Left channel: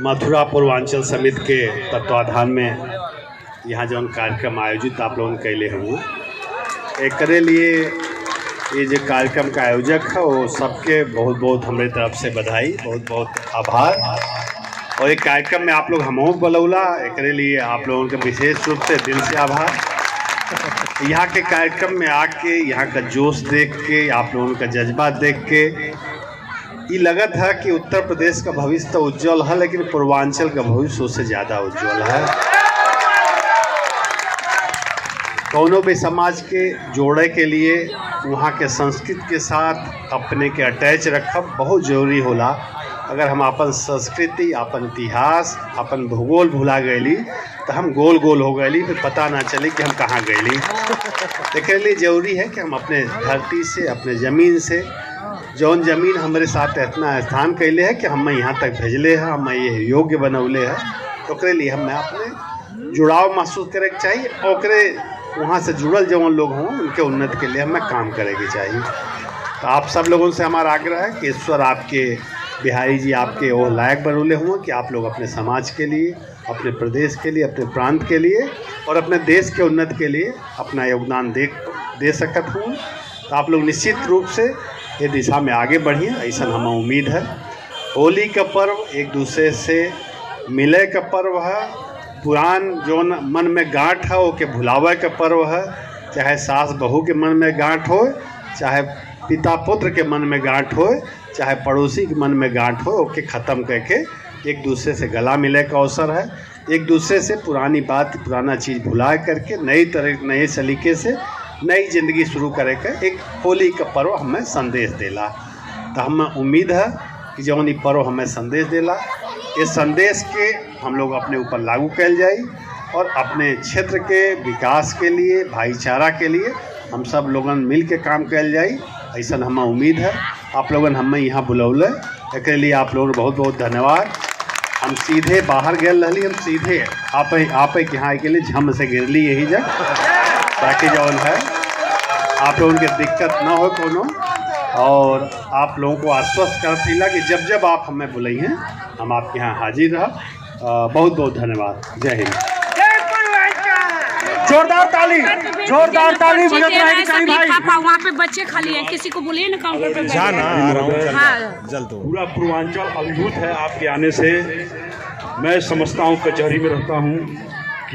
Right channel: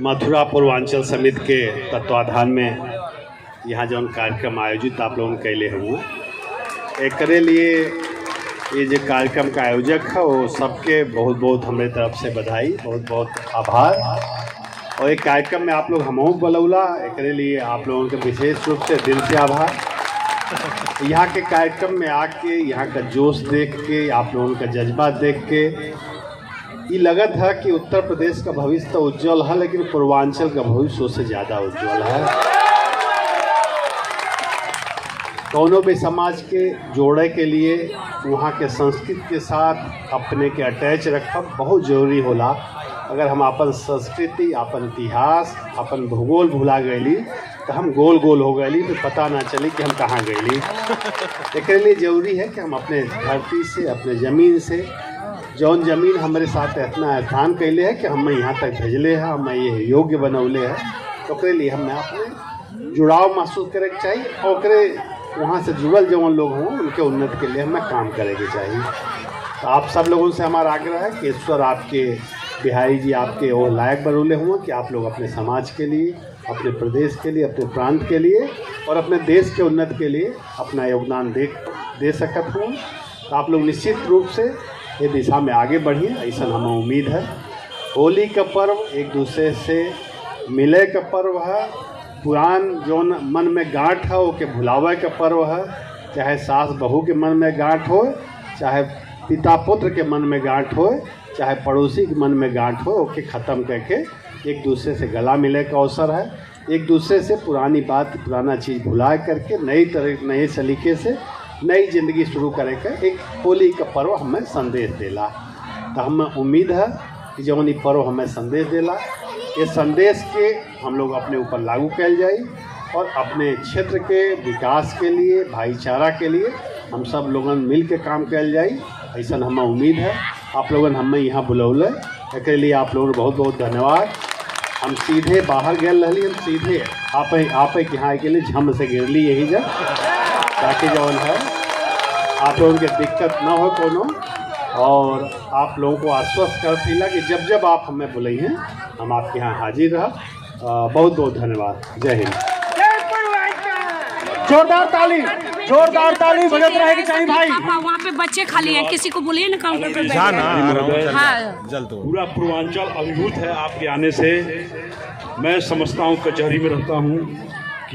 मथुरा पूर्वांचल समिति के तत्वाधान में यहाँ जौन कार्यक्रम आयोजित आप लोगों ने कैले हुए एकरे लिए ये जो कार्यक्रम का आयोजक है वो सबके बहुत बहुत हमारे तरफ से बधाई, बहुत बहुत आभार। और एक कार्यक्रम में आप लोग हमहू बलौला एकरे लिए आप लोगों के विशेष रूप से दिल से आभार। यहाँ के कार्यक्रम में आके यहाँ का जोश देख के, आप लोगों का जज्बा देख के ये लगा था कि उत्तर प्रदेश का भविष्य तो उज्जवल है, लेकिन पूर्वांचल का भविष्य उससे ज़्यादा उज्जवल है। कौनो भी समाज के जोड़े के लिए वहाँ के संस्कृति के साथ अपने के अटैच रखब बहुत जरूरी होला। अगर हम अपन संस्कृति, अपन इतिहास, अपन भूगोल भुला गईली तो हम गोल गोल हो गईली, फिर पता ना चले कि हम कहाँ गईली। इसके लिए जरूरी है कि हम अपने धरती से, अपने ज़मीन से, जौन जमीन हमारे साथ इतना स्थान कैले है कि हमें यहाँ तक भेजले है, हमें ये योग्य बनौले है, तो उसके लिए हमें अपने जुड़ाव महसूस करे के चाहिए और ओकरे वहाँ से जुड़ल जौन लोग हों उनके उन्नति के लिए हमें काम करे के चाहिए। तो आप सब लोगों से हमारा आग्रह है कि ईश्वर आपके, बिहारी जी आपके वो लायक बनौले हों कि आप लोग अपने समाज के लिए, अपने प्रदेश के लिए, अपने प्रांत के लिए और अपने देश के उन्नति के लिए अपना योगदान दे सकत हों। तो आप लोग निश्चित रूप से ये दिशा में आगे बढ़िए, ऐसा हमें उम्मीद है। होली का पर्व एक दूसरे से मिले का पर्व है, पुरान जो मन में गांठ है वो के भुलावे का पर्व है। चाहे सास बहू के मन में गांठ हो, चाहे पिता पुत्र के मन में गांठ हो, चाहे पड़ोसी के मन में गांठ हो, ओके ख़त्म करके एक दूसरे से गला मिले का अवसर है। एक दूसरे से पुरानी बात, पुराना चीज़ भुला करके नए सलीके से नई जिंदगी शुरू करे का एक होली का पर्व हमें संदेश देला। तो हमें उम्मीद है कि जौन ये पर्व हमें संदेश देला, इस संदेश के हम लोग अपने ऊपर लागू कैल जाए और अपने क्षेत्र के विकास के लिए, भाईचारा के लिए हम सब लोगन मिल के काम कैल जाए, ऐसा हमें उम्मीद है। आप लोगन हमें यहाँ बुलौले एक लिए आप लोगों बहुत बहुत धन्यवाद। हम सीधे बाहर गए रही, हम सीधे आप यहाँ के लिए झम से गिरली यही जा, ताकि जौन है आप लोगों के दिक्कत ना हो कोनो, और आप लोगों को आश्वस्त करती ला कि जब जब आप हमें बुलाइए हम आपके यहाँ हाजिर रह। बहुत बहुत धन्यवाद। जय हिंद। जोरदार ताली बजत रहेगी चाहिए भाई। वहाँ पे बच्चे खाली हैं, किसी को बोलिए ना काउंटर पे जाना जल्द पूरा पूर्वांचल अभिभूत है आपके आने से। मैं समझता हूँ कचहरी में रहता हूँ,